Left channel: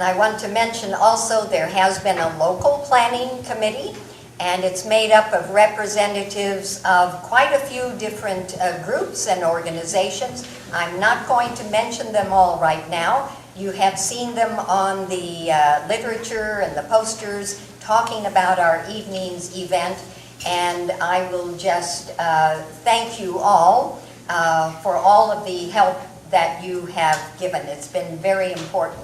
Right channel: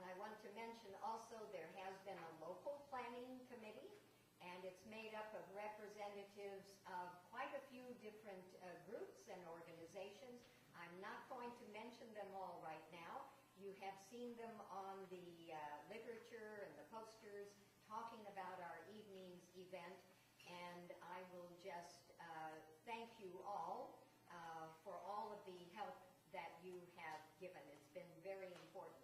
And I want to mention also there has been a local planning committee, and it's made up of representatives of quite a few different groups and organizations. I'm not going to mention them all right now. You have seen them on the literature and the posters talking about our evening's event, and I will just thank you all for all of the help that you have given. It's been very important.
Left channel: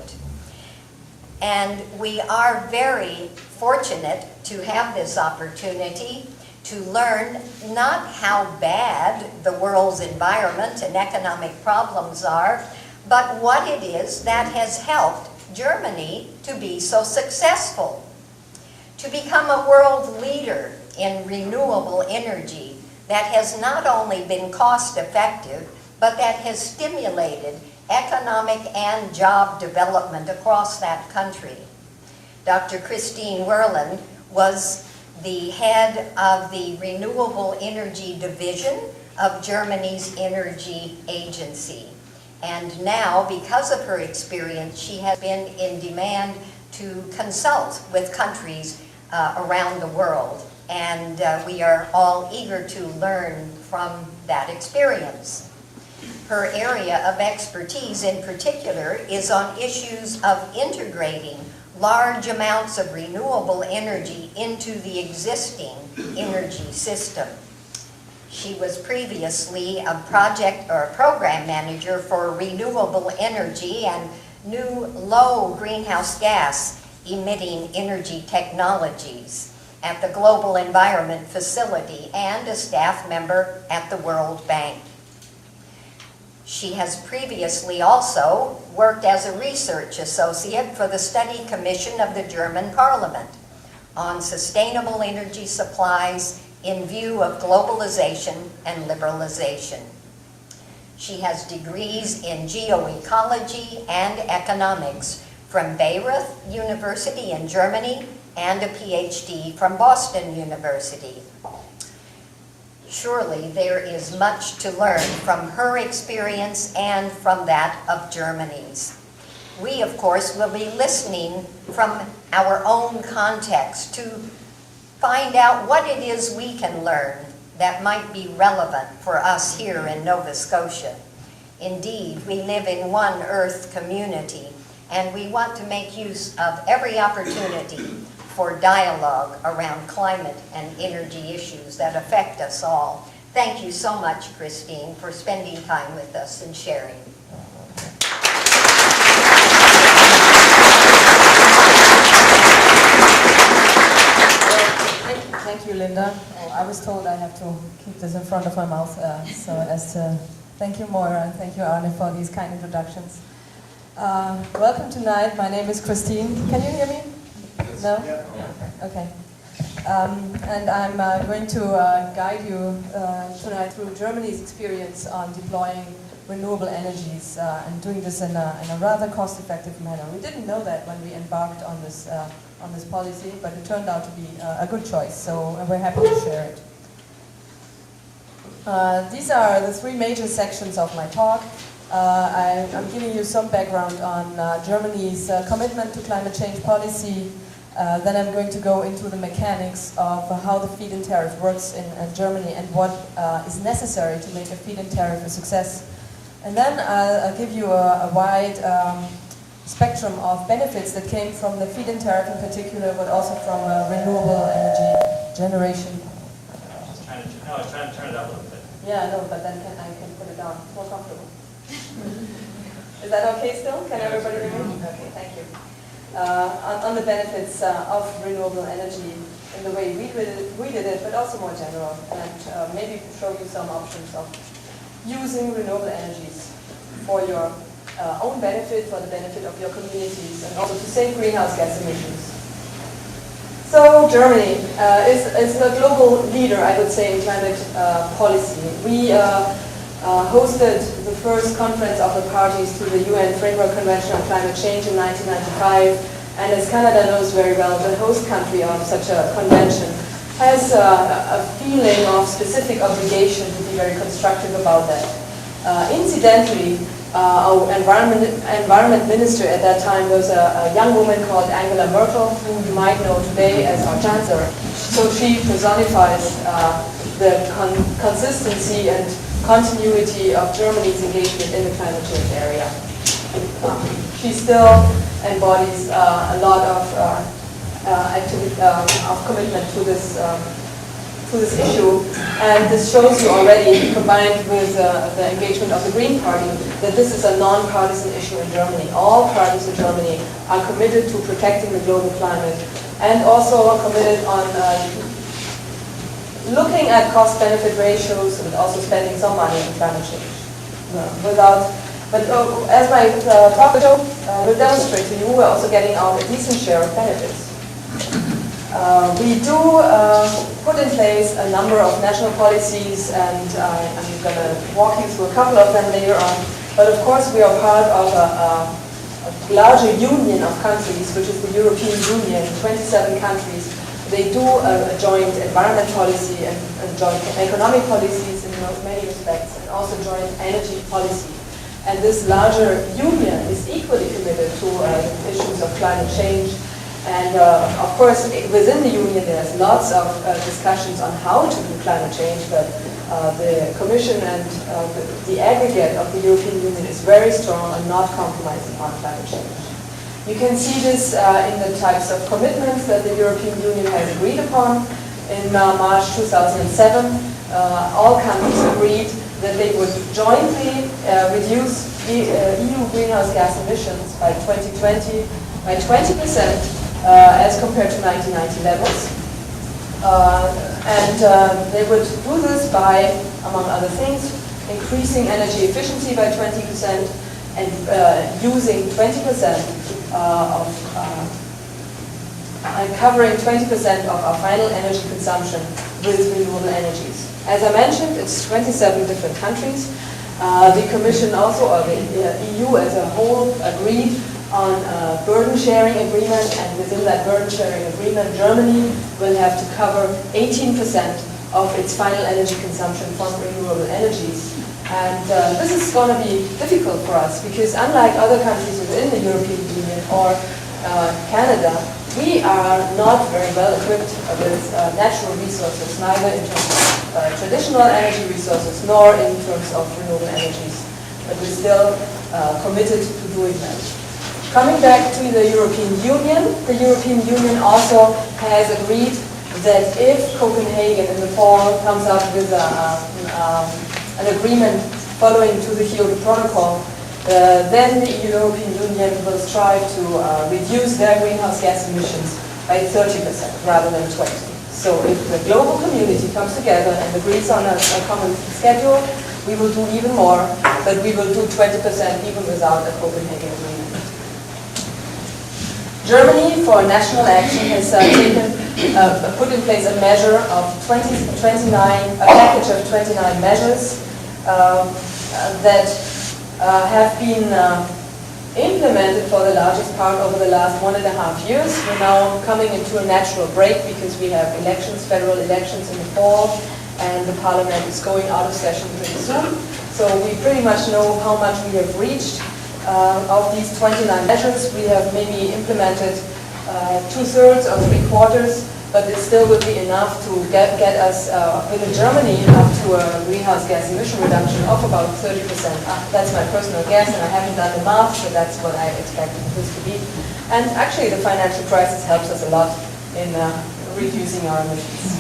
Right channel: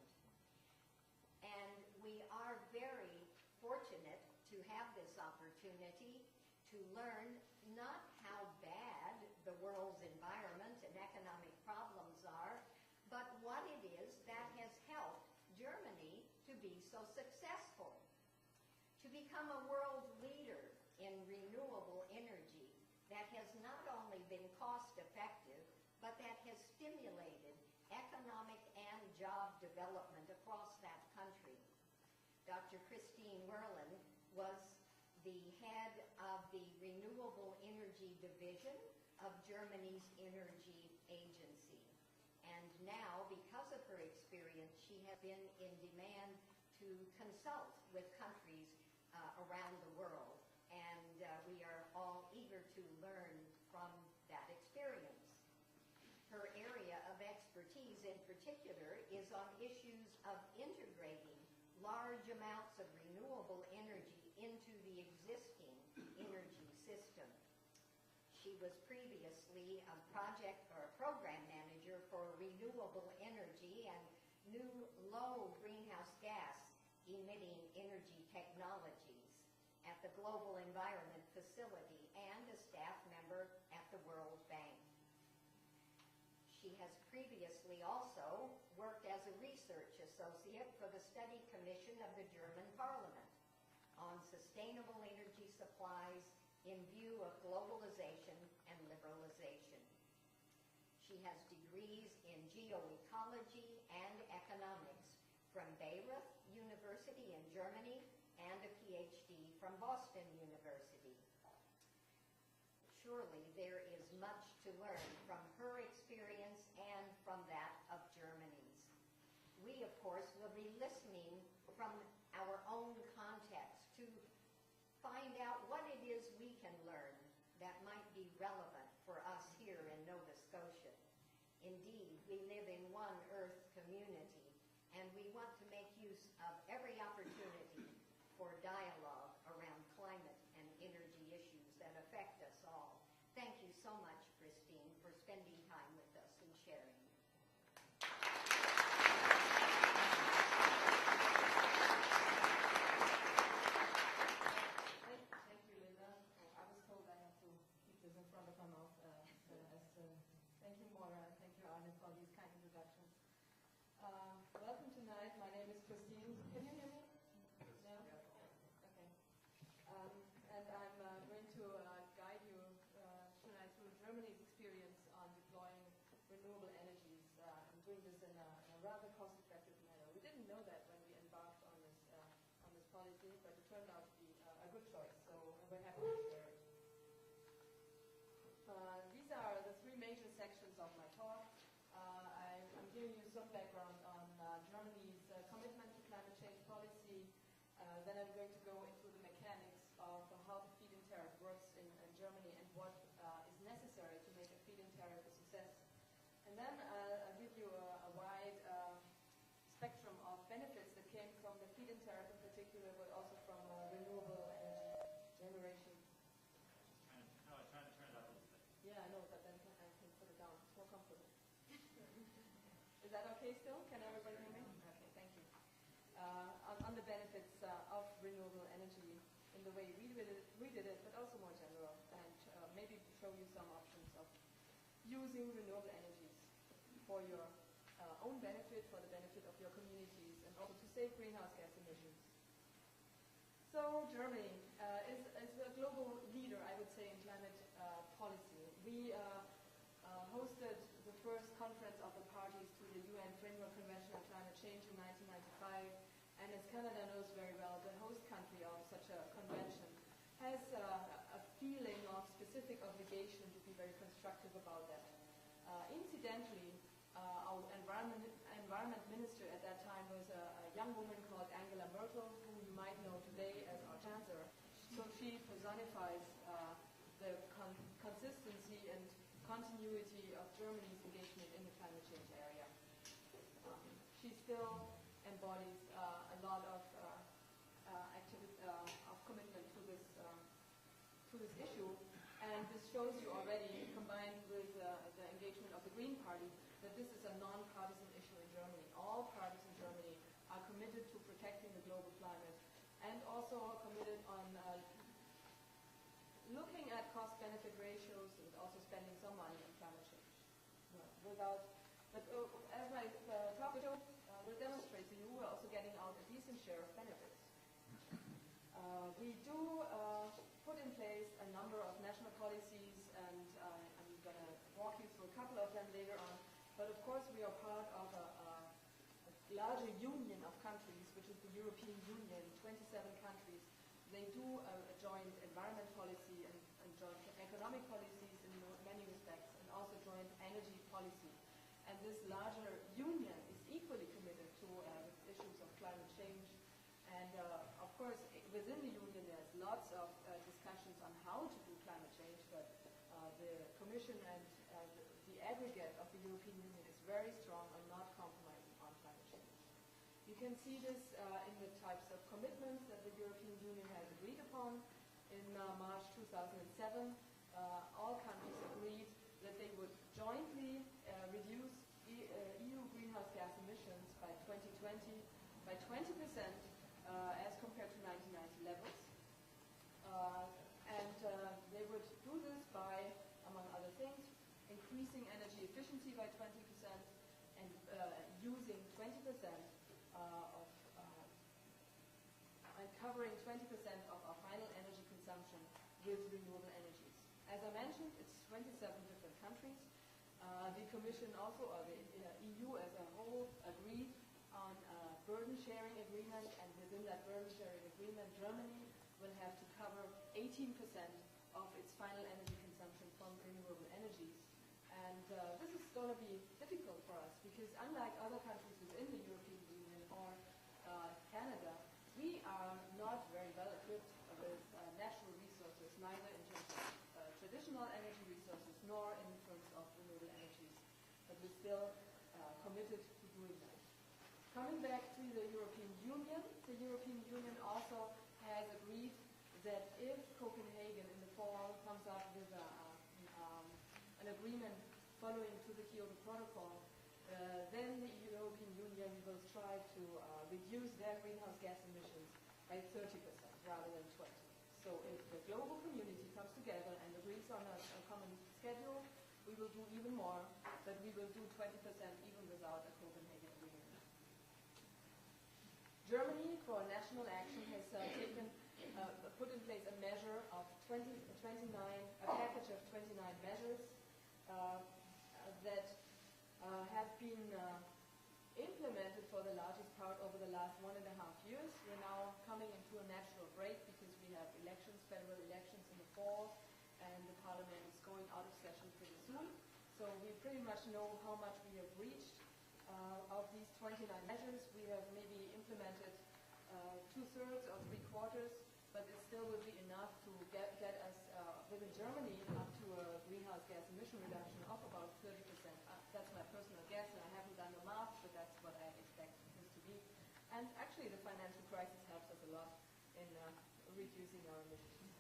And we are very fortunate to have this opportunity to learn not how bad the world's environment and economic problems are, but what it is that has helped Germany to be so successful, to become a world leader in renewable energy that has not only been cost effective, but that has stimulated economic and job development across that country. Dr. Christine Woerlen was the head of the Renewable Energy Division of Germany's Energy Agency. And now, because of her experience, she has been in demand to consult with countries around the world. And we are all eager to learn from that experience. Her area of expertise in particular is on issues of integrating large amounts of renewable energy into the existing energy system. She was previously a project or a program manager for renewable energy and new low greenhouse gas emitting energy technologies at the Global Environment Facility and a staff member at the World Bank. She has previously also worked as a research associate for the Study Commission of the German Parliament on sustainable energy supplies in view of globalization and liberalization. She has degrees in geoecology and economics from Bayreuth University in Germany and a PhD from Boston University. Surely there is much to learn from her experience and from that of Germany's. We, of course, will be listening from our own context to find out what it is we can learn that might be relevant for us here in Nova Scotia. Indeed, we live in one Earth community, and we want to make use of every opportunity for dialogue around climate and energy issues that affect us all. Thank you so much, Christine, for spending time with us and sharing. Thank you, Linda. I was told I have to keep this in front of my mouth, so as to thank you, Moira, and thank you, Arne, for these kind introductions. Welcome tonight. My name is Christine. Can you hear me? No? Okay. And I'm going to guide you tonight through Germany's experience on deploying renewable energies and doing this in a rather cost-effective manner. We didn't know that when we embarked on this policy, but it turned out to be a good choice, so we're happy to share it. These are the three major sections of my talk. I'm giving you some background on Germany's commitment to climate change policy. Then I'm going to go into the mechanics of how the feed-in tariff works in Germany and what is necessary to make a feed-in tariff a success. And then I'll give you a wide spectrum of benefits that came from the feed-in tariff in particular, but also from renewable energy generation. I was trying to turn it up a little bit. Yeah, no, but then I can put it down. More comfortable. Is that okay still? Can everybody hear me? Okay, thank you. On the benefits of renewable energy in the way we did it, but also more general, and maybe show you some options of using renewable energies for your own benefit, for the benefit of your communities, and also to save greenhouse gas emissions. So Germany is a global leader, I would say, in climate policy. We hosted the first conference of the parties to the UN Framework Convention on Climate Change in 1995, and as Canada knows very well, the host country of such a convention has a feeling of specific obligation to be very constructive about that. Incidentally, our environment minister at that time was a young woman called Angela Merkel, who you might know today as our chancellor. So she personifies the consistency and continuity of Germany's engagement in the climate change area. She still embodies a lot of commitment to this issue, and this shows you already, combined with the engagement of the Green Party, that this is a non-partisan issue in Germany. All parties in Germany are committed to protecting the global climate, and also are committed on looking at cost-benefit ratios and also spending some money on climate change. As my talk will demonstrate to you, we're also getting out a decent share of benefits. We do put in place a number of national policies, and I'm going to walk you through a couple of them later on. But of course, we are part of a larger union of countries, which is the European Union, 27 countries. They do a joint environment policy and joint economic policies in many respects, and also joint energy policy. And this larger union is equally committed to issues of climate change. And of course, within the union, there's lots of discussions on how to do climate change, but the Commission and the aggregate of the European Union is very strong and not compromising on climate change. You can see this in the types of commitments that the European Union has agreed upon. In March 2007, all countries agreed that they would jointly reduce EU greenhouse gas emissions by 2020 by 20%. As compared to 1990 levels. They would do this by, among other things, increasing energy efficiency by 20% and using 20% and covering 20% of our final energy consumption with renewable energies. As I mentioned, it's 27 different countries. The Commission also, or the EU as a whole, agreed on a burden sharing agreement, and within that burden sharing agreement, Germany will have to cover 18% of its final energy consumption from renewable energies. And this is going to be difficult for us because unlike other countries within the European Union or Canada, we are not very well equipped with natural resources, neither in terms of traditional energy resources nor in terms of renewable energies. But we're still committed to doing that. Coming back to the European Union also has agreed that if Copenhagen in the fall comes up with an agreement following to the Kyoto Protocol, then the European Union will strive to reduce their greenhouse gas emissions by 30% rather than 20%. So if the global community comes together and agrees on a common schedule, we will do even more, but we will do 20% even without a Copenhagen agreement. Germany, for national action, has put in place a measure of a package of 29 measures that have been implemented for the largest part over the last 1.5 years. We're now coming into a natural break because we have elections, federal elections in the fall, and the parliament is going out of session pretty soon. So we pretty much know how much we have reached. Of these 29 measures, we have maybe implemented 2/3 or 3/4, but it still would be enough to get us within Germany up to a greenhouse gas emission reduction of about 30%. That's my personal guess, and I haven't done the math, but that's what I expect this to be. And actually, the financial crisis helps us a lot in reducing our emissions.